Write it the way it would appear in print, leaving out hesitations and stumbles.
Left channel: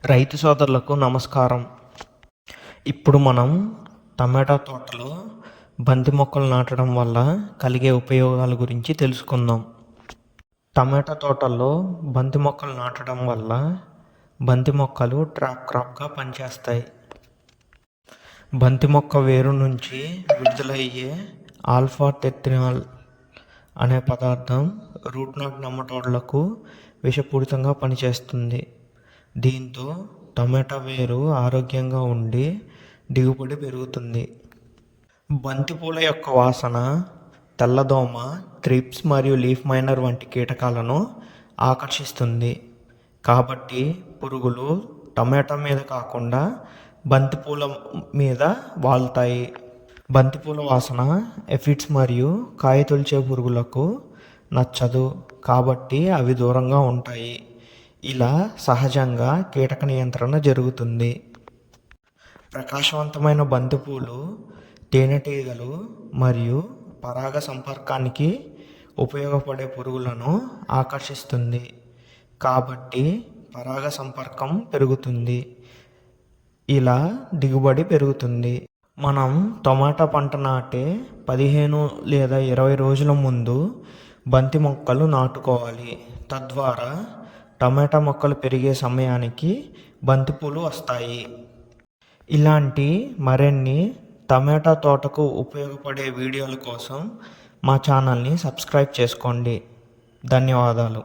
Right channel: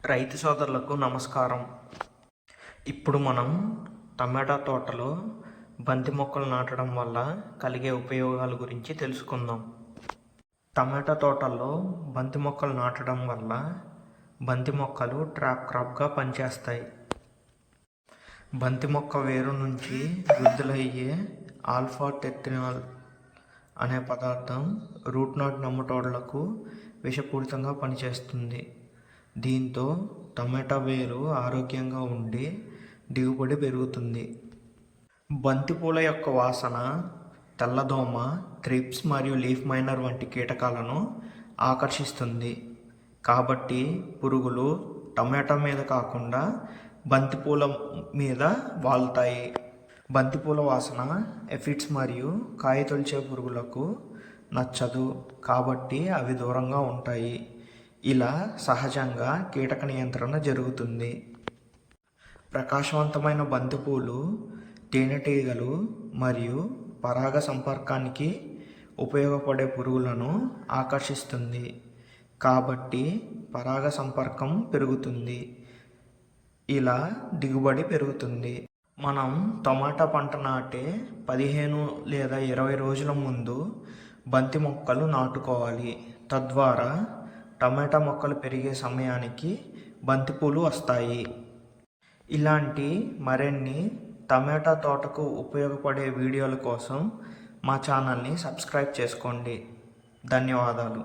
రైతు సోదరులకు నమస్కారం. ఇప్పుడు మనం టమాటా తోటలో బంతి మొక్కలు నాటడం వల్ల కలిగే ఉపయోగాల గురించి తెలుసుకుందాం. టమాటా తోటల్లో బంతి మొక్కలు నాటడం వల్ల బంతి మొక్కలు ట్రాప్ క్రాప్గా పనిచేస్తాయి. బంతి మొక్క వేరు నుంచి విడుదలయ్యే ఆల్ఫా టెర్మినల్ అనే పదార్థం రూట్ నాట్ నెమటోడ్లకు విషపూరితంగా పనిచేస్తుంది. దీంతో టమాటా వేరు ఆరోగ్యంగా ఉండి దిగుబడి పెరుగుతుంది. బంతిపూల యొక్క వాసన తెల్లదోమ, థ్రిప్స్ మరియు లీఫ్ మైనర్ వంటి కీటకాలను ఆకర్షిస్తుంది. కాబట్టి పురుగులు టమాటా మీద కాకుండా బంతిపూల మీద వాలుతాయి. బంతిపూల వాసన ఎఫిడ్స్ మరియు కాయ తొలిచే పురుగులకు నచ్చదు, కాబట్టి అవి దూరంగా ఉంటాయి. ఇలా సహజంగా కీటక నియంత్రణ జరుగుతుంది. ప్రకాశవంతమైన బంతిపూలు తేనెటీగలు మరియు పరాగ సంపర్కానికి ఉపయోగపడే పురుగులను ఆకర్షిస్తుంది, కాబట్టి పరాగ సంపర్కం పెరుగుతుంది. ఇలా దిగుబడి పెరుగుతుంది. మనం టమాటా పంట నాటే 15 లేదా 20 రోజుల ముందు బంతి మొక్కలు నాటుకోవాలి. తద్వారా టమాటా మొక్కలు పెరిగే సమయానికి బంతిపూలు వస్తాయి. ఇలాంటి మరిన్ని టమాటా తోటకు ఉపయోగపడే వీడియోల కోసం మా ఛానల్ని సబ్స్క్రైబ్ చేసుకోండి. ధన్యవాదాలు.